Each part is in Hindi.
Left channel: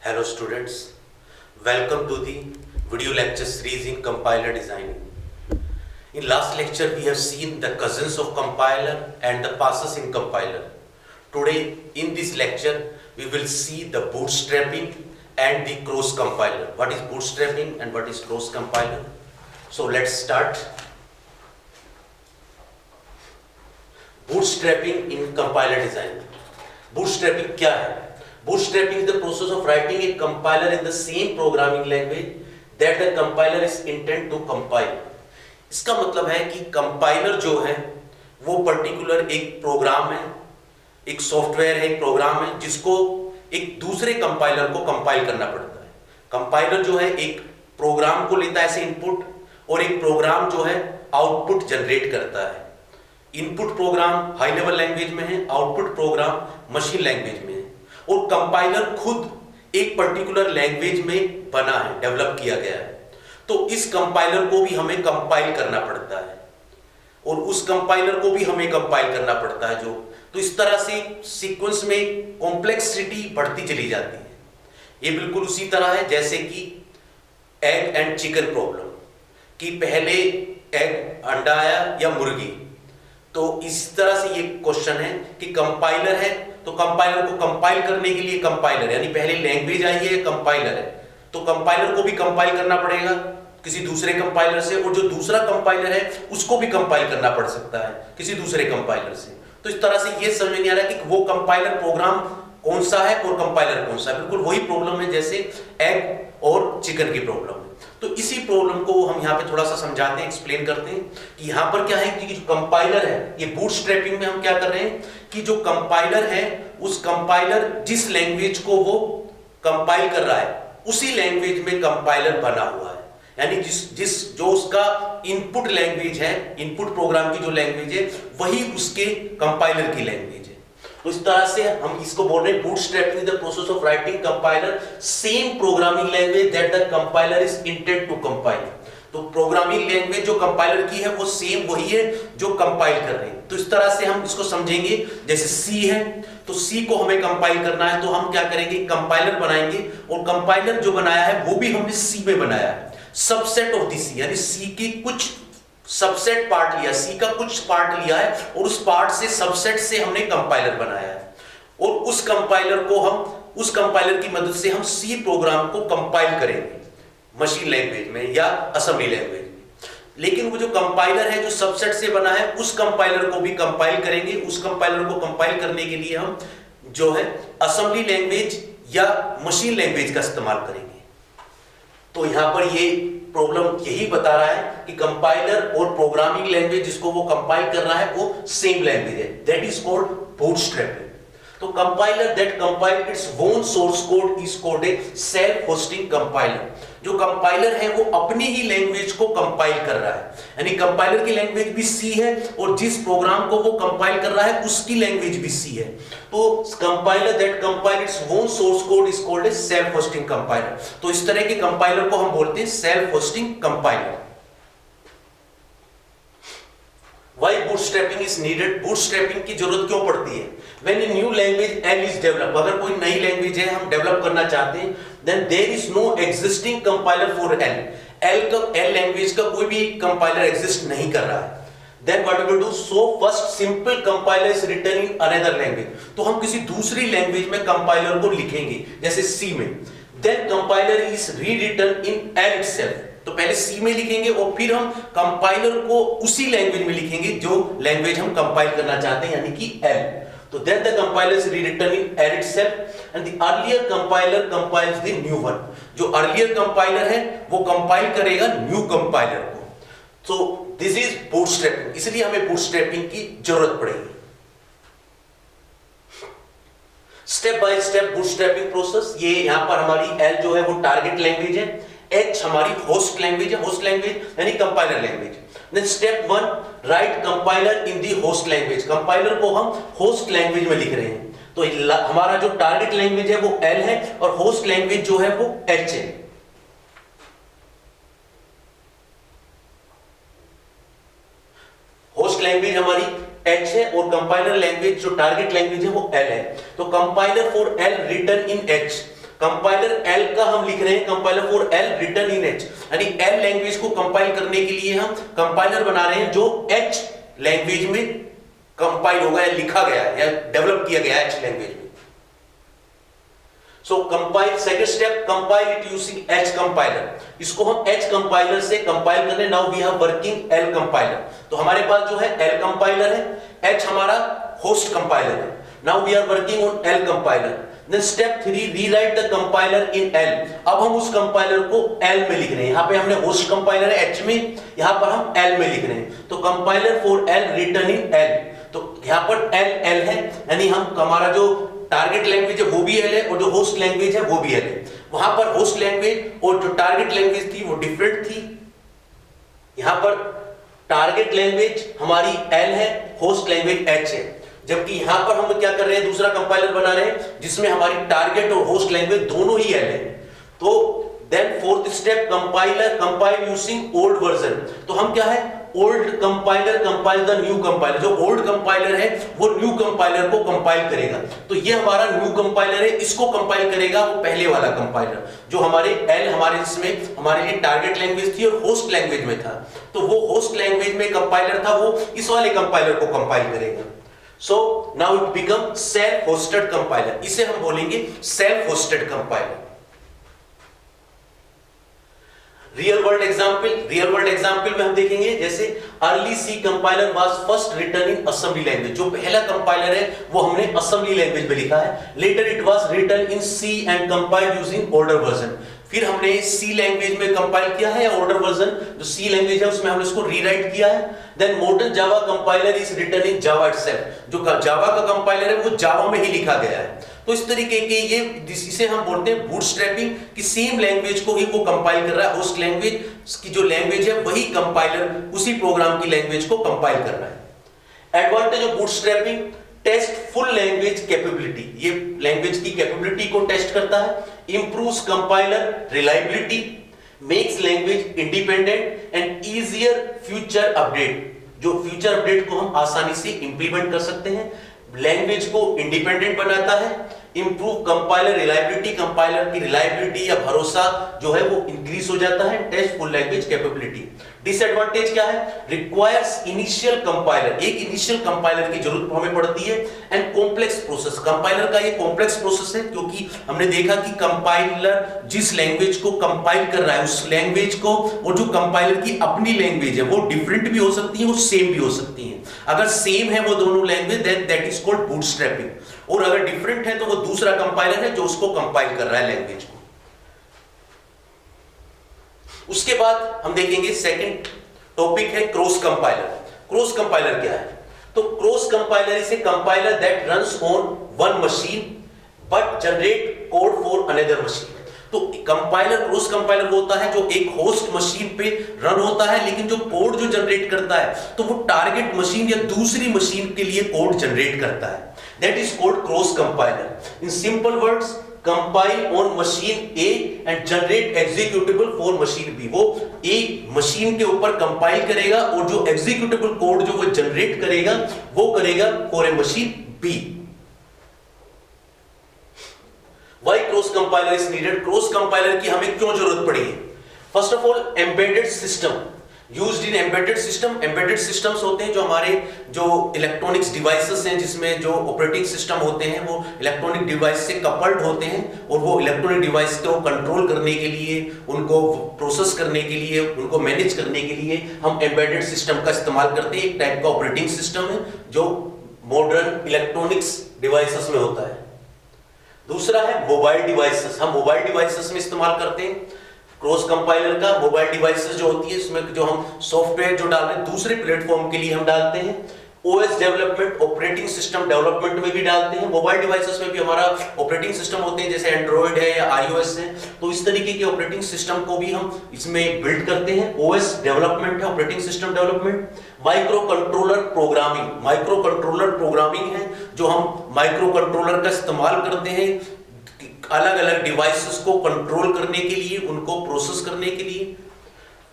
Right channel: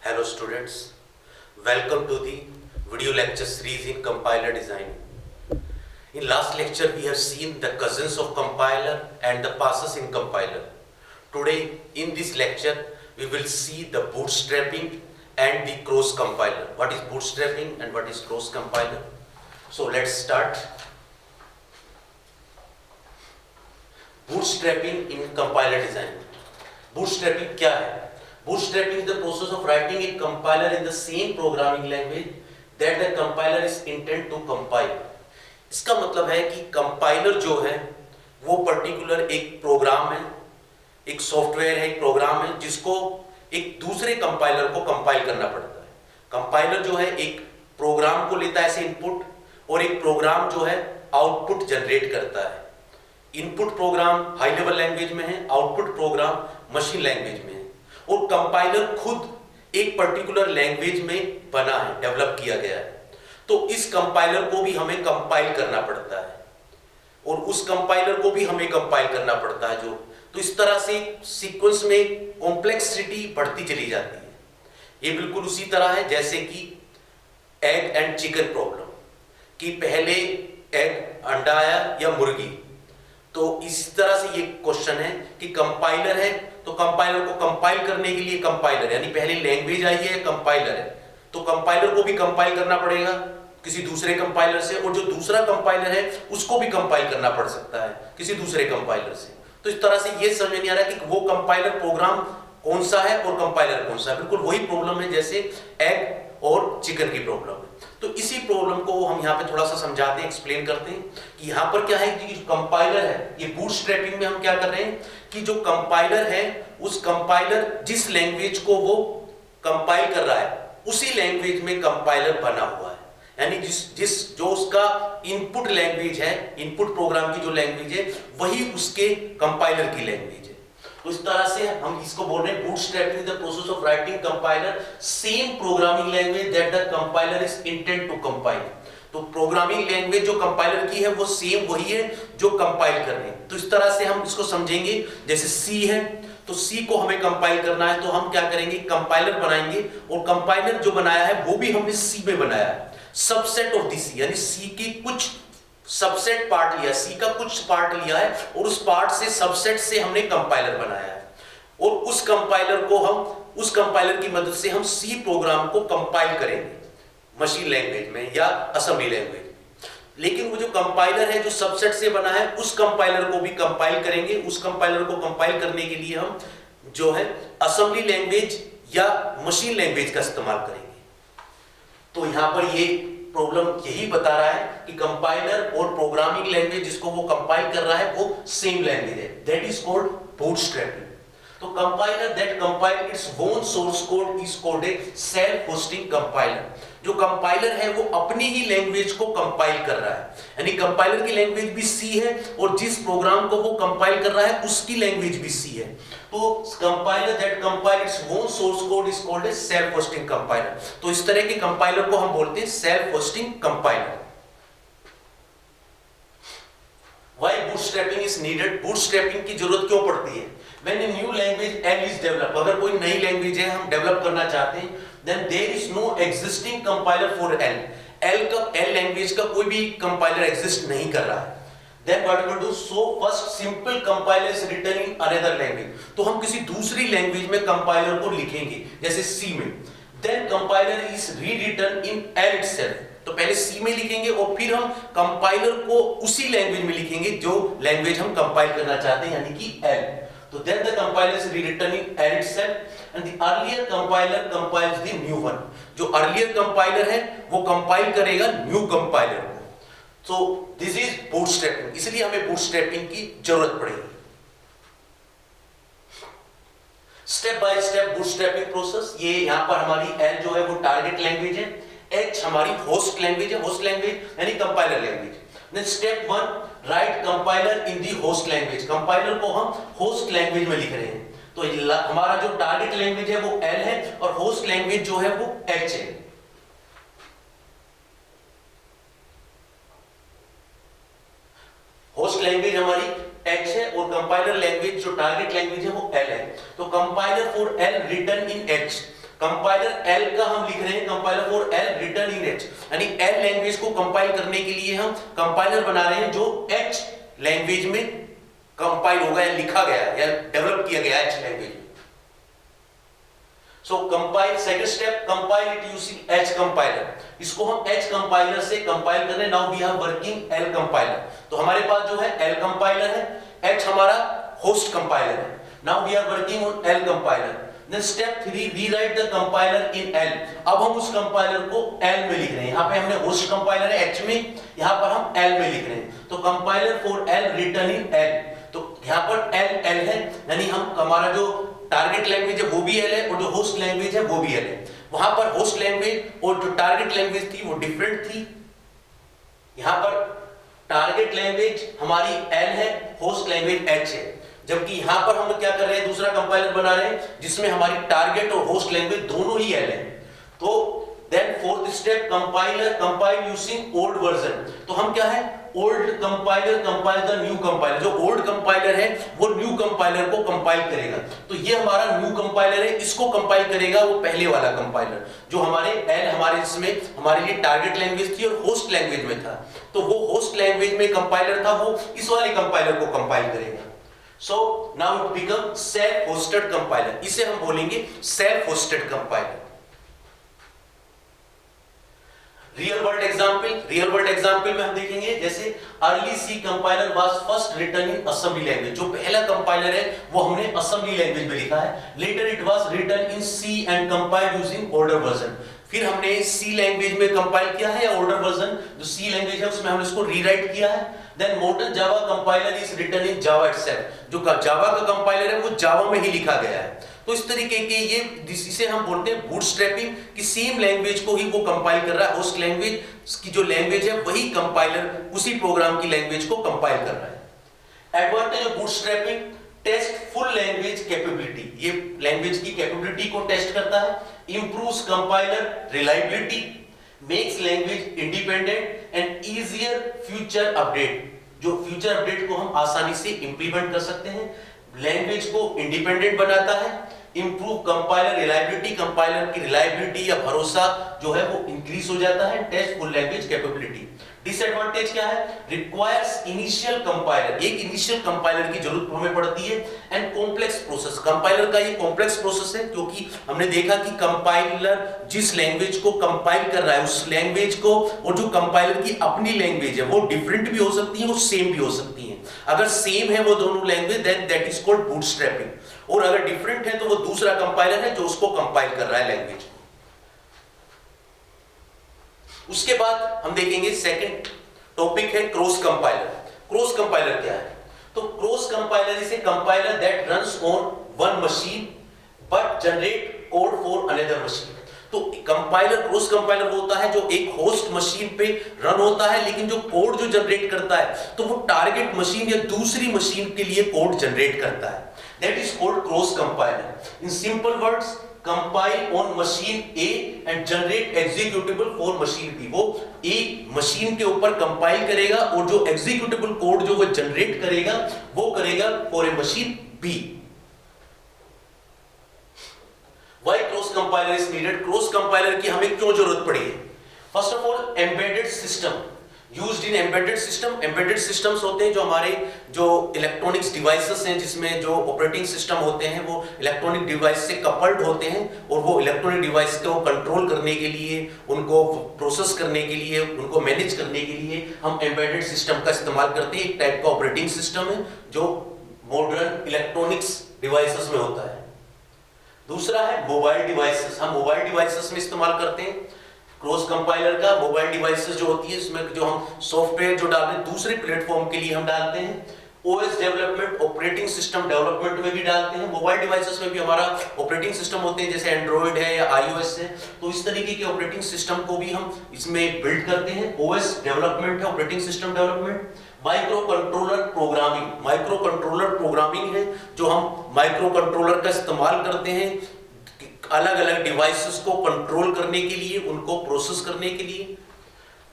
Hello students, welcome to the video lecture series in compiler design. In last lecture we have seen the cousins of compiler and the passes in compiler. Today in this lecture we will see the bootstrapping and the cross compiler. What is bootstrapping and what is cross compiler? So let's start. Bootstrapping in compiler design. Bootstrapping क्या है? Bootstrapping is the process of writing a compiler in the same programming language that the compiler is intended to compile. इसका मतलब है कि कंपाइलर जो है वो पर्टिकुलर एक प्रोग्राम है, एक सॉफ्टवेयर है, एक प्रोग्राम है जिसको एक दूसरे कंपाइलर को कंपाइल करना पड़ता है. कंपाइलर जो है एक प्रोग्राम को लेता है ऐसे इनपुट और एक प्रोग्राम जो है आउटपुट जनरेट करता है. Input program high level language में है, आउटपुट प्रोग्राम मशीन लैंग्वेज में है और कंपाइलर खुद एक पर्टिकुलर लैंग्वेज में बना है, डेवलप किया गया है. तो इस कंपाइलर को भी हमें कंपाइल करना पड़ता है और उस कंपाइलर को भी हमें कंपाइल करना पड़ता है. तो इस तरह से सीक्वेंस में कॉम्प्लेक्सिटी बढ़ती चली जाती है. ये बिल्कुल उसी तरह है जैसे कि एग एंड चिकन प्रॉब्लम, कि पहले एग अंडा आया या मुर्गी. तो इस तरह से ये क्वेश्चन है कि कंपाइलर है तो कंपाइलर को कंपाइल करने के लिए कंपाइलर यानी पहले लैंग्वेज आई है, कंपाइलर है तो कंपाइलर को भी कंपाइल करना पड़ेगा किसी दूसरे कंपाइलर से और जो दूसरा कंपाइलर है उसको भी कंपाइल करना पड़ सकता है किसी दूसरे कंपाइलर से. तो इस तरह से ये समझ नहीं आ रहा कि वो कंपाइलर प्रोग्राम कौन सा है और कंपाइलर कौन सा है. बिल्कुल वही प्रॉब्लम है जैसे एग और चिकन की प्रॉब्लम है. तो इसी प्रॉब्लम को हम यहाँ पे थोड़ा सा समझाते हैं, एक्सप्लेन करते हैं कि यहाँ पर क्या है कि जो कंपाइलर है, ये बूटस्ट्रैपिंग में हम क्या कर रहे हैं कि जो कंपाइलर है उस कंपाइलर जिस लैंग्वेज को वो कंपाइल कर रहा है उसी लैंग्वेज में कंपाइलर बना हुआ है. यानी जो उसका इनपुट लैंग्वेज है, इनपुट प्रोग्राम की जो लैंग्वेज है वही उसके कंपाइलर की लैंग्वेज है. तो इस तरह से हम इसको बोल रहे हैं bootstrapping the process of writing compiler same programming language that the compiler is intend to compile. तो प्रोग्रामिंग लैंग्वेज जो कंपाइलर की है वो सेम वही है जो कंपाइल कर रहे हैं. तो इस तरह से हम इसको समझेंगे. जैसे सी है तो सी को हमें कंपाइल करना है तो हम क्या करेंगे, कंपाइलर बनाएंगे और कंपाइलर जो बनाया है वो भी हमने सी में बनाया है. सबसेट ऑफ दी सी यानी सी की कुछ सबसेट पार्ट लिया, सी का कुछ पार्ट लिया है और उस पार्ट से सबसेट से हमने कंपाइलर बनाया है और उस कंपाइलर को हम उस कंपाइलर की मदद से हम सी प्रोग्राम को कंपाइल करेंगे मशीन लैंग्वेज में या असेंबली लैंग्वेज में. लेकिन वो जो कंपाइलर है जो सबसेट से बना है उस कंपाइलर को भी कंपाइल करेंगे. उस कंपाइलर को कंपाइल करने के लिए हम जो है असेंबली लैंग्वेज या मशीन लैंग्वेज का इस्तेमाल करेंगे. तो यहां पर ये प्रॉब्लम यही बता रहा है कि कंपाइलर और प्रोग्रामिंग लैंग्वेज जिसको वो कंपाइल कर रहा है वो सेम लैंग्वेज है. That is called bootstrapping. तो compiler that compile its own source code is called a self hosting compiler. जो कंपाइलर है वो अपनी ही लैंग्वेज को कंपाइल कर रहा है यानी कंपाइलर की लैंग्वेज भी सी है और जिस प्रोग्राम को वो कंपाइल कर रहा है उसकी लैंग्वेज भी सी है. तो compiler that compile its own source code is called a self hosting compiler. तो इस तरह के कंपाइलर को हम बोलते हैं self hosting compiler. Why bootstrapping is needed? Bootstrapping की जरूरत क्यों पड़ती है? When a new language L is developed, अगर कोई नई लैंग्वेज है हम डेवलप करना चाहते हैं, then there is no existing compiler for L. L language का कोई भी कंपाइलर एग्जिस्ट नहीं कर रहा है. Then what we will do? So first simple compiler is written in another language. तो हम किसी दूसरी लैंग्वेज में कंपाइलर को लिखेंगे जैसे C में. Then compiler is rewritten in L itself. तो पहले सी में लिखेंगे और फिर हम कंपाइलर को उसी लैंग्वेज में लिखेंगे जो लैंग्वेज हम कंपाइल करना चाहते हैं यानी कि एल. तो then the compiler is rewritten in L itself and the earlier compiler compiles the new one. जो earlier compiler है वो कंपाइल करेगा न्यू कंपाइलर को. तो दिस इज बूटस्ट्रैपिंग. इसलिए हमें बूटस्ट्रैपिंग की जरूरत पड़ेगी. Step by step bootstrapping process. ये यहां पर हमारी एल जो है वो टारगेट लैंग्वेज है, H हमारी होस्ट लैंग्वेज है, होस्ट लैंग्वेज यानी compiler language. Then step 1 write compiler in the host language. Compiler को हम होस्ट लैंग्वेज में लिख रहे हैं. तो हमारा जो टारगेट लैंग्वेज है वो L है और होस्ट लैंग्वेज जो है वो H है. होस्ट लैंग्वेज हमारी H है और कंपाइलर लैंग्वेज जो टारगेट लैंग्वेज है वो L है. तो compiler for L written in H. Compiler L का हम लिख रहे हैं, compiler for L written in H, यानी एल लैंग्वेज को कंपाइल करने के लिए हम कंपाइलर बना रहे हैं जो एच लैंग्वेज में कंपाइल होगा या लिखा गया है या डेवलप किया गया है एच लैंग्वेज में। So compile, second step, compile it using H compiler, इसको हम एच कंपाइलर से कंपाइल कर रहे हैं। Now we have working L compiler, तो हमारे पास जो है एल कंपाइलर है, एच हमारा होस्ट कंपाइलर है। Now we are working on L compiler. Then step 3, rewrite the compiler in L. अब हम उस कंपाइलर को एल में लिख रहे हैं, यहां पे हमने होस्ट कंपाइलर है एच में, यहां पर हम एल में लिख रहे हैं, तो compiler for L written in L, तो यहां पर एल है, यानी हम हमारा जो टारगेट लैंग्वेज है वो भी एल है और जो होस्ट लैंग्वेज है वो भी एल है। वहां पर होस्ट लैंग्वेज और जो टारगेट लैंग्वेज थी वो डिफरेंट थी, यहां पर टारगेट लैंग्वेज हमारी एल है, होस्ट लैंग्वेज एच है, जबकि यहां पर हम क्या कर रहे हैं, दूसरा कंपाइलर बना रहे हैं जिसमें हमारी टारगेट और होस्ट लैंग्वेज दोनों ही एल है। तो then fourth step, compile using old version, तो हम क्या है, old compiler compile the new compiler, जो ओल्ड कंपाइलर है वो न्यू कंपाइलर को कंपाइल करेगा, तो ये हमारा न्यू कंपाइलर है, इसको कंपाइल करेगा वो पहले वाला कंपाइलर जो हमारे एल हमारे इसमें हमारे लिए टारगेट लैंग्वेज थी और होस्ट लैंग्वेज में था, तो वो होस्ट लैंग्वेज में कंपाइलर था, वो इस वाले कंपाइलर को कंपाइल करेगा। So now it become self hosted compiler, इसे हम बोलेंगे self hosted compiler. Real world example में हम देखेंगे, जैसे early C compiler was first written in assembly language, जो पहला कंपाइलर है वो हमने असेंबली लैंग्वेज में लिखा है। Later it was written in C and compiled using older version, फिर हमने सी लैंग्वेज में कंपाइल किया है, या ओल्डर वर्जन जो सी लैंग्वेज है उसमें हमने इसको रीराइट किया है। Then modern Java compiler is written in Java itself, जो जावा का कंपाइलर है वो जावा में ही लिखा गया है। तो इस तरीके के ये, इसे हम बोलते हैं बूटस्ट्रैपिंग, कि सेम लैंग्वेज को ही वो कंपाइल कर रहा है, होस्ट लैंग्वेज की जो लैंग्वेज है वही कंपाइलर उसी प्रोग्राम की लैंग्वेज को कंपाइल कर रहा है। Advantage of bootstrapping, test full language capability, ये लैंग्वेज की कैपेबिलिटी को टेस्ट करता है। Improves compiler reliability, makes language independent and easier future update, जो फ्यूचर अपडेट को हम आसानी से इंप्लीमेंट कर सकते हैं। लैंग्वेज को इंडिपेंडेंट बनाता है। इंप्रूव कंपाइलर रिलायबिलिटी, कंपाइलर की रिलायबिलिटी या भरोसा जो है वो इंक्रीज हो जाता है। Test full language capability. Disadvantage क्या है, रिक्वायर्स इनिशियल कंपाइलर, एक इनिशियल कंपाइलर की जरूरत हमें पड़ती है। एंड कॉम्प्लेक्स प्रोसेस, कंपाइलर का ये कॉम्प्लेक्स प्रोसेस है, क्योंकि हमने देखा कि कंपाइलर जिस लैंग्वेज को कंपाइल कर रहा है उस लैंग्वेज को, और जो कंपाइलर की अपनी लैंग्वेज है वो डिफरेंट भी हो सकती है, वो सेम भी हो सकती है। अगर सेम है वो दोनों language, then that is called bootstrapping, और अगर डिफरेंट है तो वो दूसरा कंपाइलर है जो उसको कंपाइल कर रहा है लैंग्वेज को। उसके बाद हम देखेंगे सेकंड टॉपिक है क्रॉस कंपाइलर। क्रॉस कंपाइलर क्या है, तो cross compiler is a compiler that runs on one machine but generate code for another machine. तो कंपाइलर, क्रॉस कंपाइलर वो होता है जो एक होस्ट मशीन पे रन होता है, लेकिन जो कोड जो जनरेट करता है तो वो टारगेट मशीन या दूसरी मशीन के लिए कोड जनरेट करता है। That is called cross compiler. In simple words, compile on machine A and generate executable for machine B. वो एक मशीन के ऊपर कंपाइल करेगा और जो एग्जीक्यूटेबल कोड जो वो जनरेट करेगा वो करेगा for A machine B. Why cross compiler is needed? Cross compiler की हमें क्यों जरूरत पड़ी है? First of all, embedded system used in embedded system. Embedded systems होते हैं जो हमारे जो इलेक्ट्रॉनिक्स डिवाइसेस हैं, जिसमें जो ऑपरेटिंग सिस्टम होते हैं वो इलेक्ट्रॉनिक डिवाइस से कपल्ड होते हैं, और वो इलेक्ट्रॉनिक डिवाइस को कंट्रोल करने के लिए, उनको प्रोसेस करने के लिए, उनको मैनेज करने के लिए हम एम्बेडेड सिस्टम का इस्तेमाल करते हैं। एक टाइप का ऑपरेटिंग सिस्टम है जो मॉडर्न इलेक्ट्रॉनिक्स डिवाइसेस में होता है। दूसरा है मोबाइल डिवाइसेस, हम मोबाइल डिवाइसेस में इस्तेमाल करते हैं क्रॉस कंपाइलर का। मोबाइल डिवाइसेस जो होती है इसमें जो हम सॉफ्टवेयर जो डाल रहे हैं दूसरे प्लेटफॉर्म के लिए हम डालते हैं। OS development, operating system development में भी डालते हैं। मोबाइल डिवाइसेस में भी हमारा ऑपरेटिंग सिस्टम होते हैं, जैसे एंड्रॉइड है या आईओएस है, तो इस तरीके के ऑपरेटिंग सिस्टम को भी हम इसमें बिल्ड करते हैं। ओएस डेवलपमेंट है, operating system development. Micro controller programming, micro controller programming है जो हम माइक्रो कंट्रोलर का इस्तेमाल करते हैं अलग अलग डिवाइसेस को कंट्रोल करने के लिए, उनको प्रोसेस करने के लिए।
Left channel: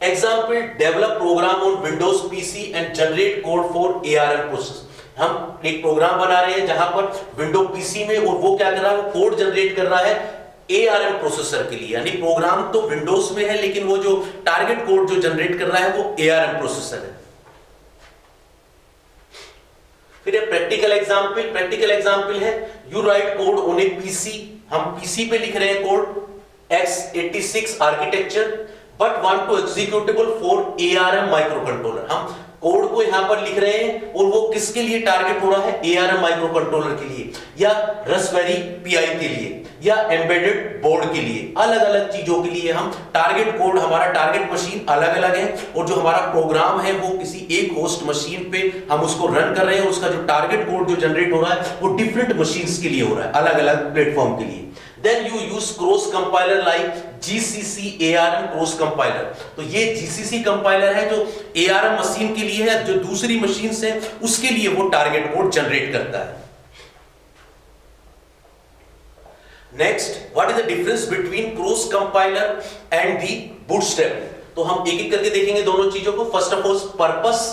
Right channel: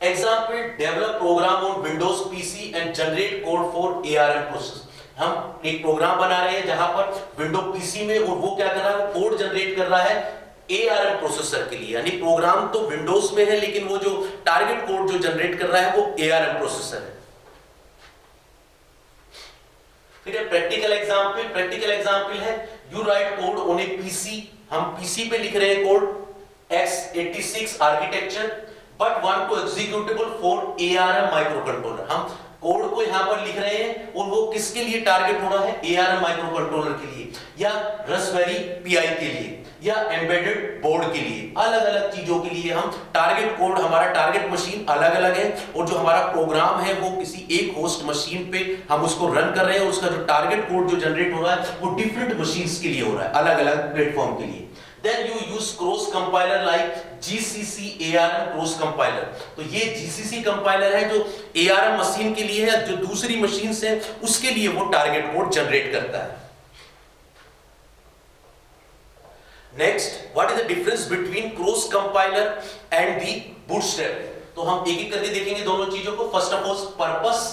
Example, develop program on Windows PC and generate code for ARM process. हम एक प्रोग्राम बना रहे हैं जहां पर विंडो पीसी में, और वो क्या कर रहा है, कोड जनरेट कर रहा है ARM प्रोसेसर के लिए, यानी प्रोग्राम तो विंडोज में है लेकिन वो जो टारगेट कोड जो जनरेट कर रहा है वो ARM प्रोसेसर है। फिर प्रैक्टिकल एग्जांपल है, you write code on a PC, हम पीसी पे लिख रहे हैं code x86 architecture but want to executable for ARM micro controller. हम कोड को यहां पर लिख रहे हैं और वो किसके लिए टारगेट हो रहा है, ARM माइक्रो कंट्रोलर के लिए या रास्पबेरी पाई के लिए या एम्बेडेड बोर्ड के लिए, अलग अलग चीजों के लिए हम टारगेट कोड, हमारा टारगेट मशीन अलग अलग है और जो हमारा प्रोग्राम है वो किसी एक होस्ट मशीन पे हम उसको रन कर रहे हैं, उसका जो टारगेट कोड जो जनरेट हो रहा है वो डिफरेंट मशीन्स के लिए हो रहा है, अलग अलग प्लेटफॉर्म के लिए। Then you use cross compiler like GCC ARM cross compiler। तो ये GCC कंपाइलर है जो ARM मशीन के लिए है, जो दूसरी मशीन से उसके लिए वो टारगेट कोड जनरेट करता है। Next, what is the difference between cross compiler and the bootstrapping. तो हम एक एक करके देखेंगे दोनों चीजों को। First of all purpose,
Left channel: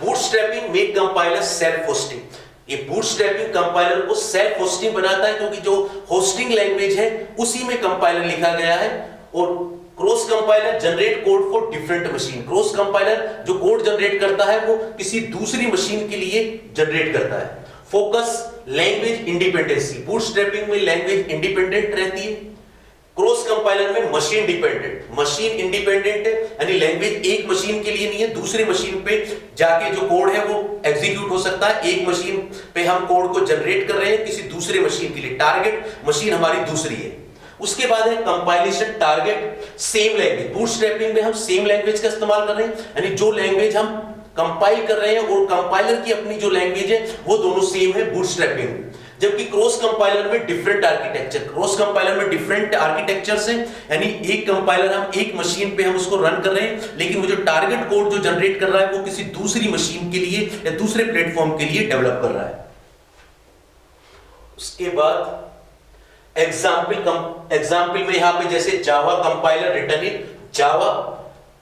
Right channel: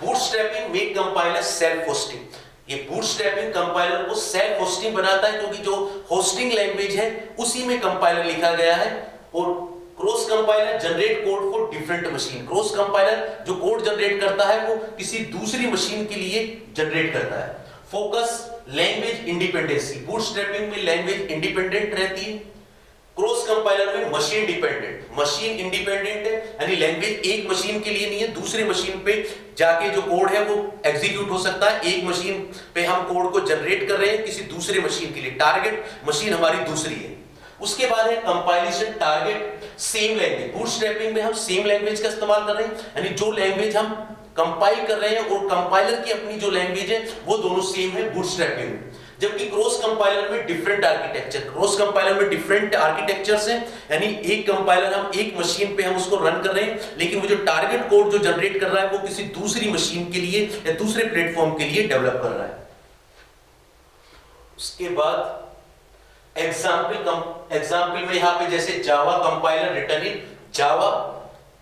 bootstrapping make compiler self hosting. ये बूटस्ट्रैपिंग कंपाइलर को सेल्फ होस्टिंग बनाता है क्योंकि जो होस्टिंग लैंग्वेज है उसी में कंपाइलर लिखा गया है। और cross compiler generate code for different machine. Cross compiler जो कोड जनरेट करता है वो किसी दूसरी मशीन के लिए जनरेट करता है। फोकस लैंग्वेज इंडिपेंडेंसी, बूटस्ट्रैपिंग में लैंग्वेज इंडिपेंडेंट रहती है, क्रॉस कंपाइलर में मशीन डिपेंडेंट। मशीन इंडिपेंडेंट है यानी लैंग्वेज एक मशीन के लिए नहीं है, दूसरे मशीन पे जाके जो कोड है वो एग्जीक्यूट हो सकता है। एक मशीन पे हम कोड को जनरेट कर रहे हैं किसी दूसरे मशीन के लिए, टारगेट मशीन हमारी दूसरी है। उसके बाद है compilation target same language. Bootstrapping में हम सेम लैंग्वेज का इस्तेमाल कर रहे हैं, यानी जो लैंग्वेज हम कंपाइल कर रहे हैं और कंपाइलर की अपनी जो लैंग्वेज है वो दोनों सेम है बूटस्ट्रैपिंग में। जबकि क्रॉस कंपाइलर में डिफरेंट आर्किटेक्चर, क्रॉस कंपाइलर में डिफरेंट आर्किटेक्चर्स हैं, यानी एक कंपाइलर हम एक मशीन पे हम उसको रन कर रहे हैं लेकिन वो जो टारगेट कोड जो जनरेट कर रहा है वो किसी दूसरी मशीन के लिए या दूसरे प्लेटफॉर्म के लिए डेवलप कर रहा है। उसके बाद एग्जाम्पल में यहां पे जैसे जावा कंपाइलर रिटन इन जावा,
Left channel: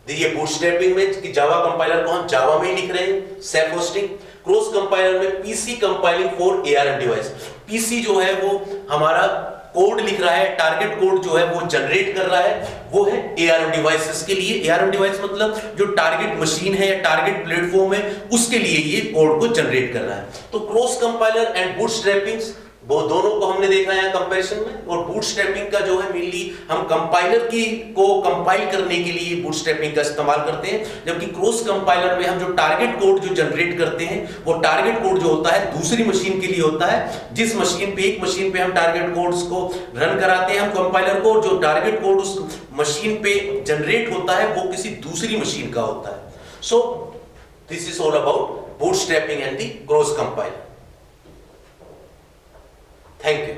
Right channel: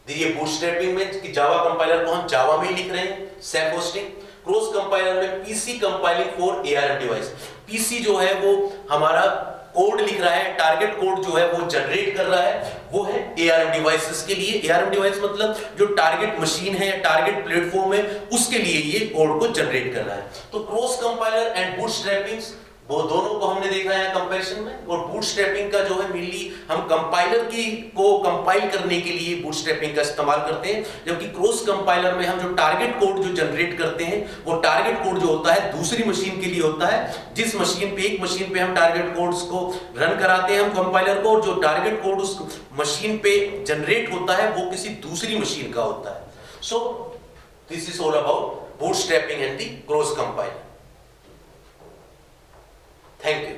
ये बूटस्ट्रैपिंग में कि जावा कंपाइलर को हम जावा में ही लिख रहे हैं सेल्फ होस्टिंग। क्रॉस कंपाइलर में PC compiling for ARM device. PC जो है वो हमारा कोड लिख रहा है, टारगेट कोड जो है वो जनरेट कर रहा है, वो है ARM डिवाइसेस के लिए। ARM डिवाइस मतलब जो टारगेट मशीन है या टारगेट प्लेटफॉर्म है उसके लिए ये कोड को जनरेट कर रहा है। तो क्रॉस कंपाइलर एंड बूटस्ट्रैपिंग वो दोनों को हमने देखा है कंपैरिजन में। और बूटस्ट्रैपिंग का जो है मेनली हम कंपाइलर की को कंपाइल करने के लिए बूटस्ट्रैपिंग का इस्तेमाल करते हैं, जबकि क्रॉस कंपाइलर में हम जो टारगेट कोड जो जनरेट करते हैं वो टारगेट कोड जो होता है दूसरी मशीन के लिए होता है। जिस मशीन पे एक मशीन पे हम टारगेट कोड्स को रन कराते हैं हम कंपाइलर को, और जो टारगेट कोड उस मशीन पे जनरेट होता है वो किसी दूसरी मशीन का होता है। So this is all about bootstrapping and the cross compiler. Thank you.